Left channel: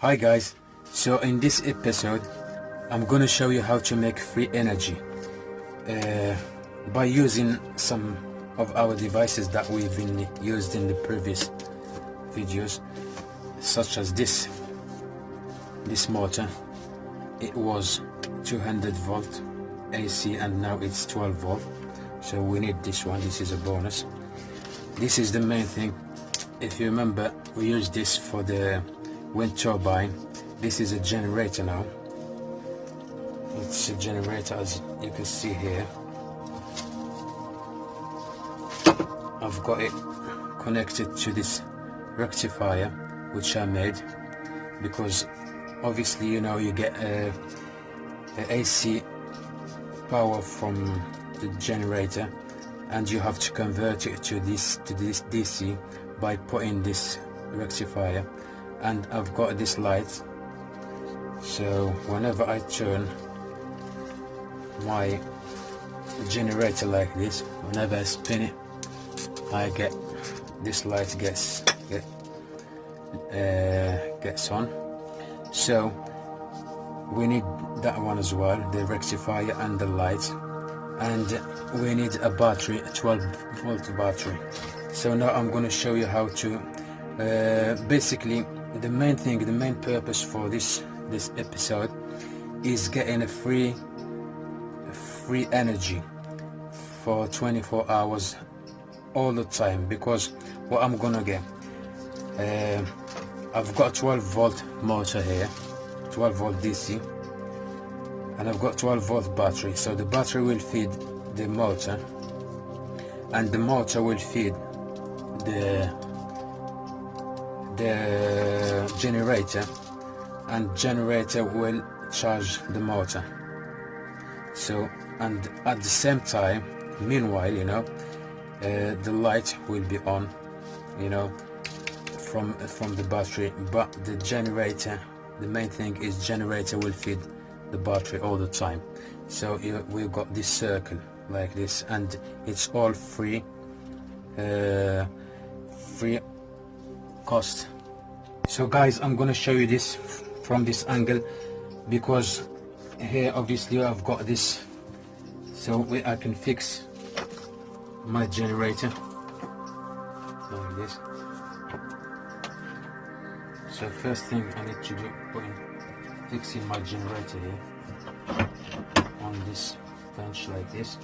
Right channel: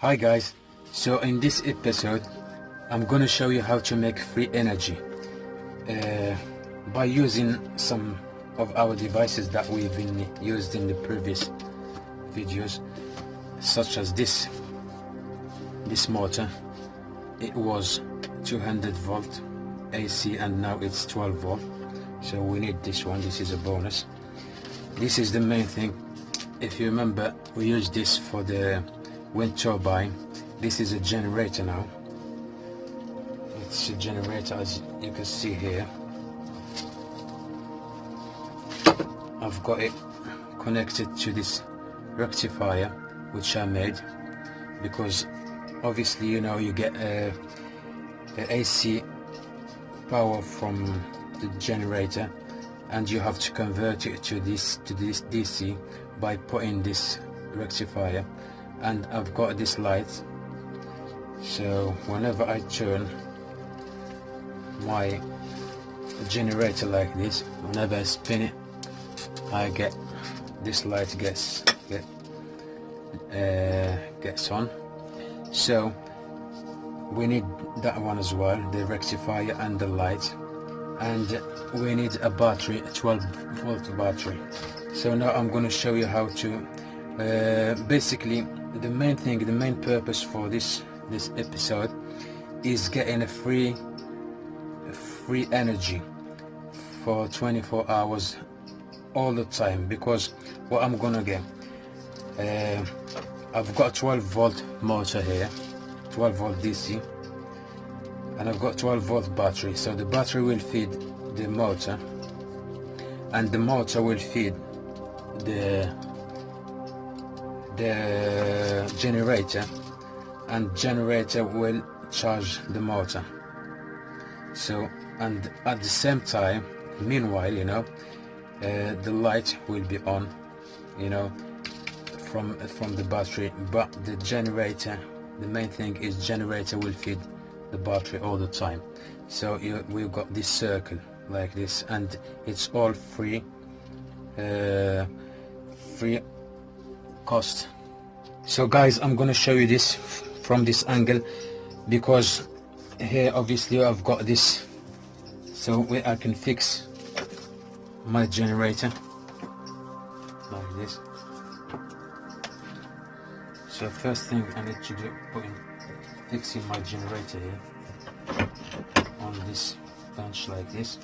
Hi guys, so in this episode I'm gonna show you how to make free energy by using some of our devices that we've been used in the previous videos, such as this motor. It was 200 volt AC and now it's 12 volt, so we need this one. This is a bonus. This is the main thing. If you remember, we used this for the wind turbine. This is a generator now. It's a generator, as you can see here. I've got it connected to this rectifier which I made, because obviously, you know, you get a AC power from the generator and you have to convert it to this DC by putting this rectifier. And I've got this light, so whenever I turn my generator like this, whenever I spin it, I get this light gets on. So we need that one as well, the rectifier and the light, and we need a battery, a 12 volt battery. So now I'm going to show you how to basically the main thing, the main purpose for this episode is getting a free energy for 24 hours all the time. Because what I'm gonna get, I've got a 12 volt motor here, 12 volt DC, and I've got 12 volt battery. So the battery will feed the motor, and the motor will feed the generator, and generator will charge the motor. So, and at the same time, meanwhile, you know, the light will be on, you know, from the battery. But the generator, the main thing is generator will feed the battery all the time. So we've got this circle like this, and it's all free cost. So guys, I'm gonna show you this from this angle, because here obviously I've got this, so I can fix my generator like this. So first thing I need to do, fixing my generator here on this bench like this.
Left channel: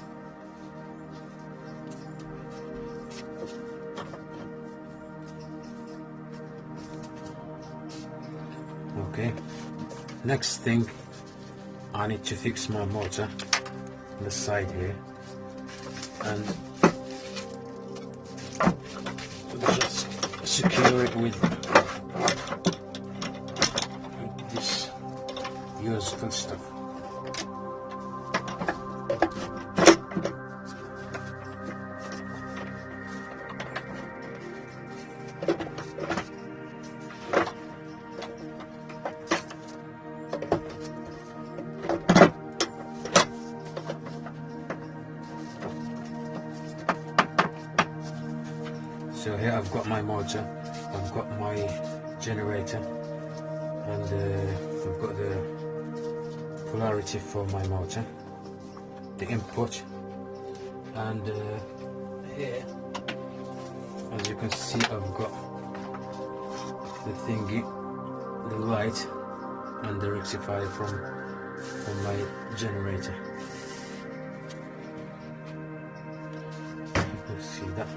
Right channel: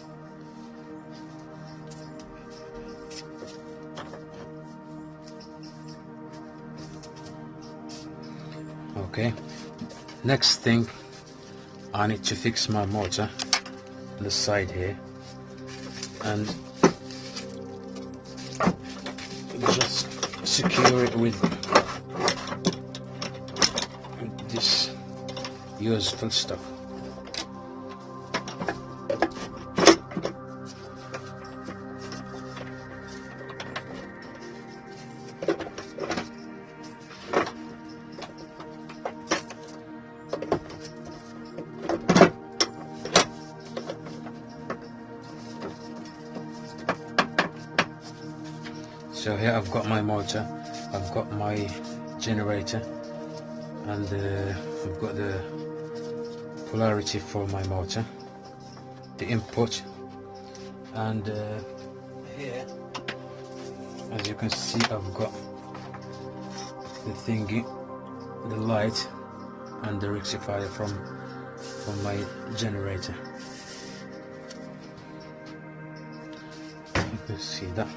Okay, next thing, I need to fix my motor on the side here, and just secure it with this useful stuff. So here I've got my motor, I've got my generator, and I've got the polarity for my motor, the input, and here, as you can see, I've got the thingy, the light, and the rectifier from my generator. You can see that.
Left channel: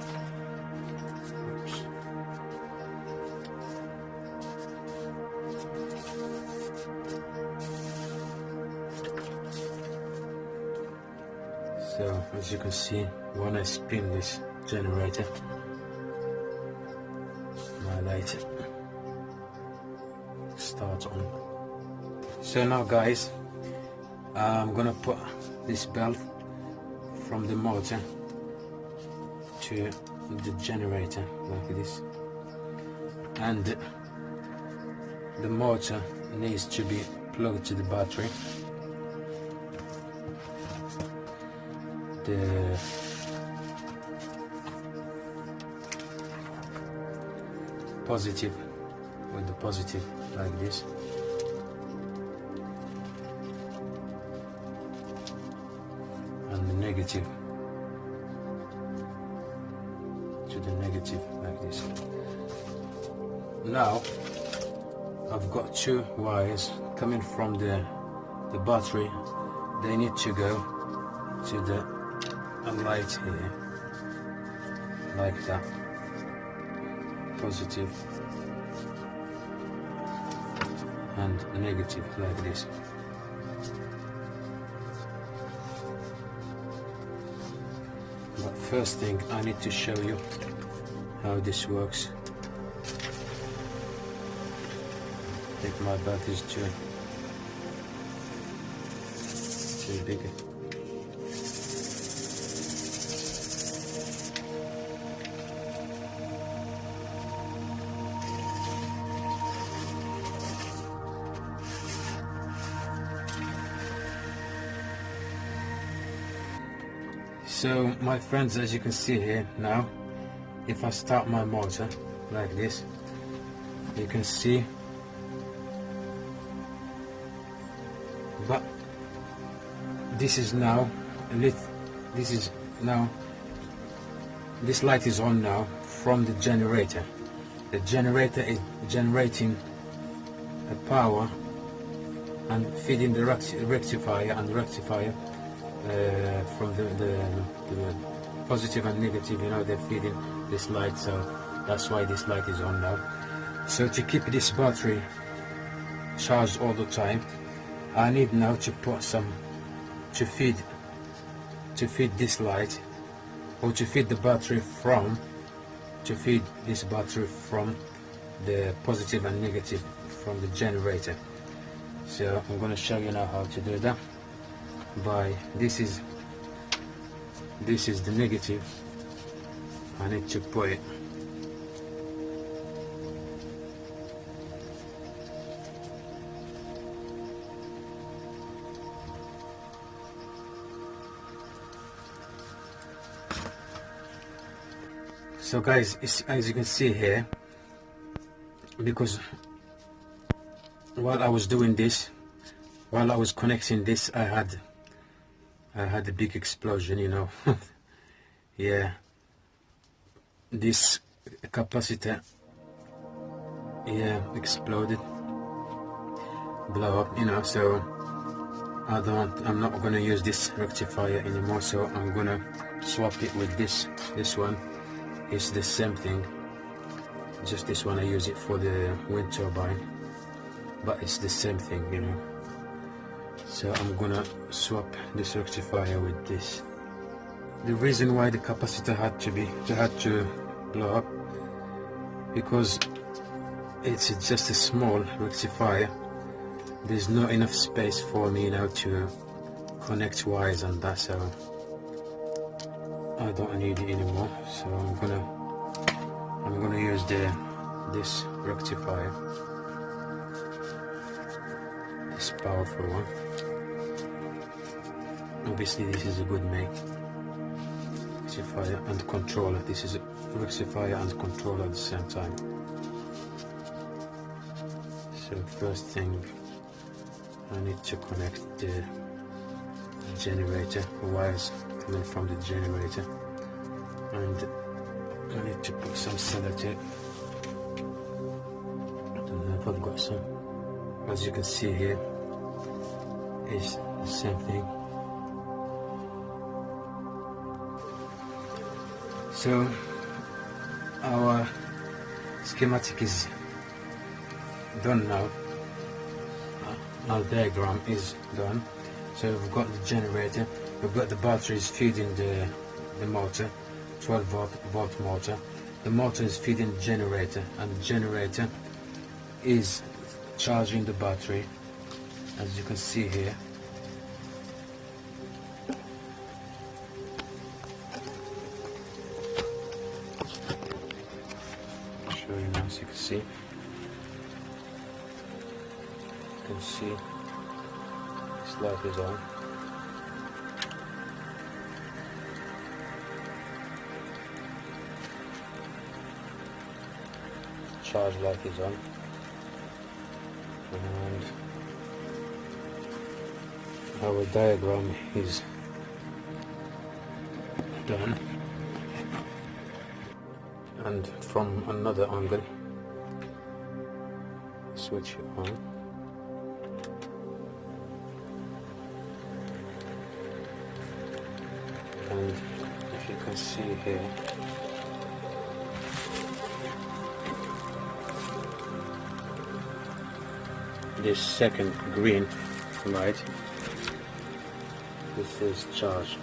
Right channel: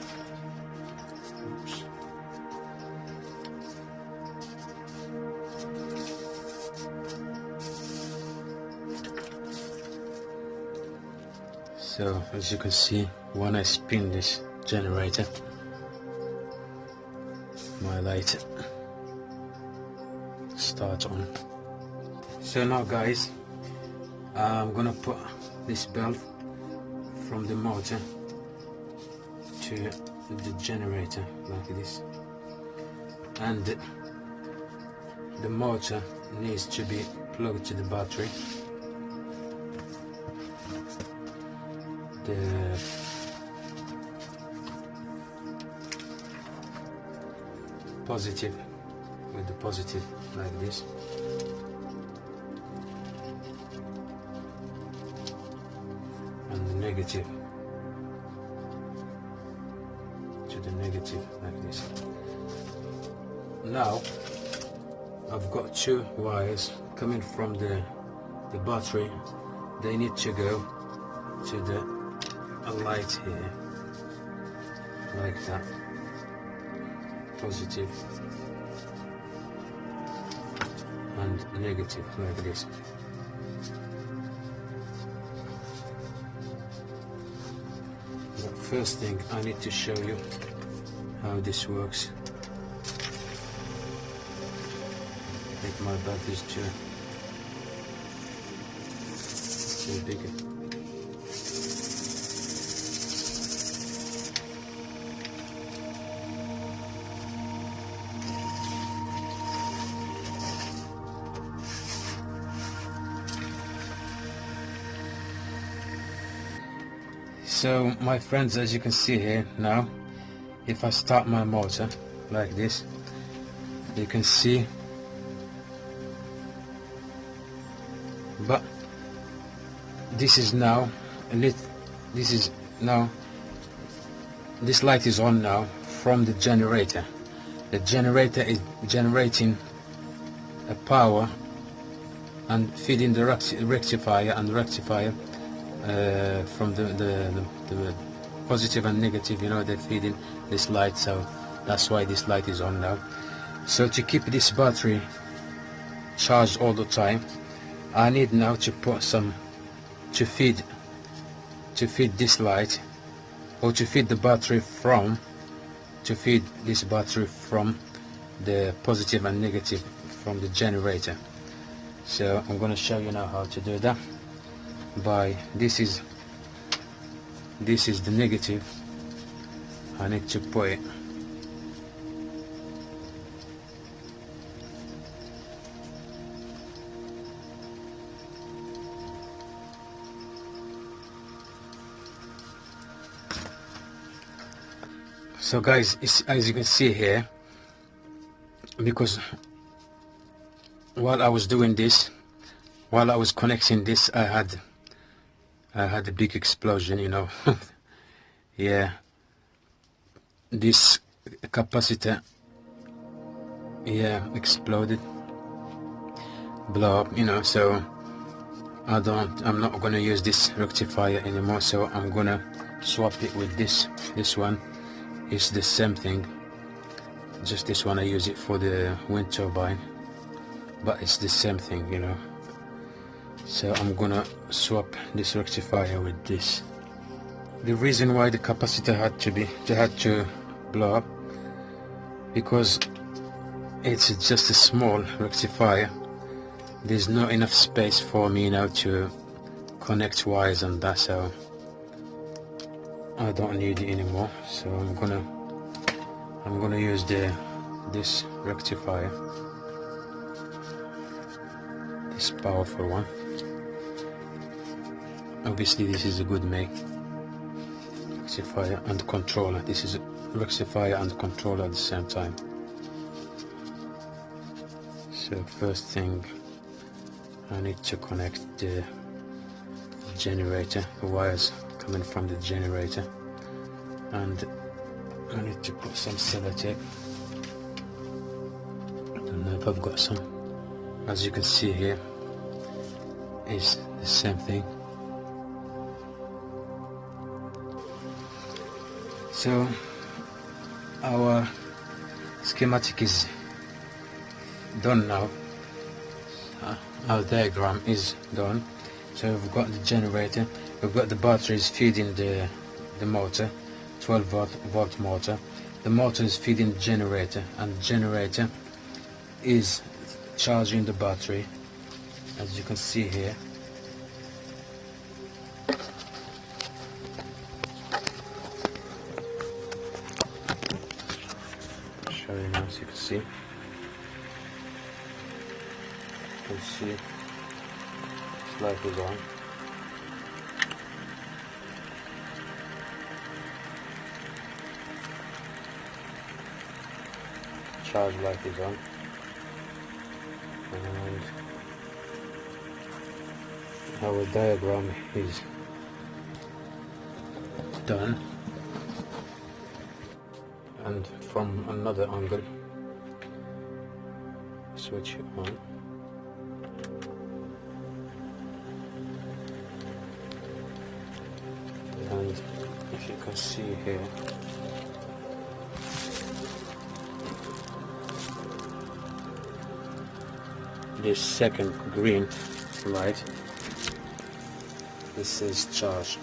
So as you can see, when I spin this generator, my light starts on. So now guys, I'm gonna put this belt from the motor to the generator like this, and the motor needs to be plugged to the battery. The positive with the positive like this. And the negative to the negative like this. Now I've got two wires coming from the battery. They need to go to the light here like that, positive and negative like this. But first thing, I need to show you how this works. Take my batteries too big. So my friends, as you can see here now, if I start my motor like this, you can see, but this is now lit. This light is on now from the generator. The generator is generating a power and feeding the rectifier, and the rectifier from the positive and negative, you know, they're feeding this light, so that's why this light is on now. So to keep this battery charged all the time, I need now to put some to feed this light, or to feed the battery from the positive and negative from the generator. So I'm going to show you now how to do that. By this is the negative. I need to put it so guys, as you can see here, because while I was doing this, while I was connecting this, I had a big explosion, you know. Yeah, this capacitor, yeah, exploded, blow up, you know. So I'm not gonna use this rectifier anymore, so I'm gonna swap it with this one. It's the same thing, just this one I use it for the wind turbine, but it's the same thing, you know. So I'm gonna swap this rectifier with this. The reason why the capacitor had to blow up, because it's just a small rectifier. There's not enough space for me now to connect wires and that, so I don't need it anymore. So I'm gonna use this rectifier, this powerful one. Obviously this is a good make. Rectifier and controller. This is a rectifier and controller at the same time. So first thing, I need to connect the generator, the wires coming from the generator, and I need to put some sellotape. I don't know if I've got some. As you can see here, it's the same thing. So our schematic is done now. Our diagram is done. So we've got the generator, we've got the batteries feeding the motor, 12 volt motor. The motor is feeding the generator, and the generator is charging the battery, as you can see here. Show you now, so you can see. You can see this light is on. Charge light is on. and our diagram is done. And from another angle, switch it on. And if you can see here, this second green light, this is charged.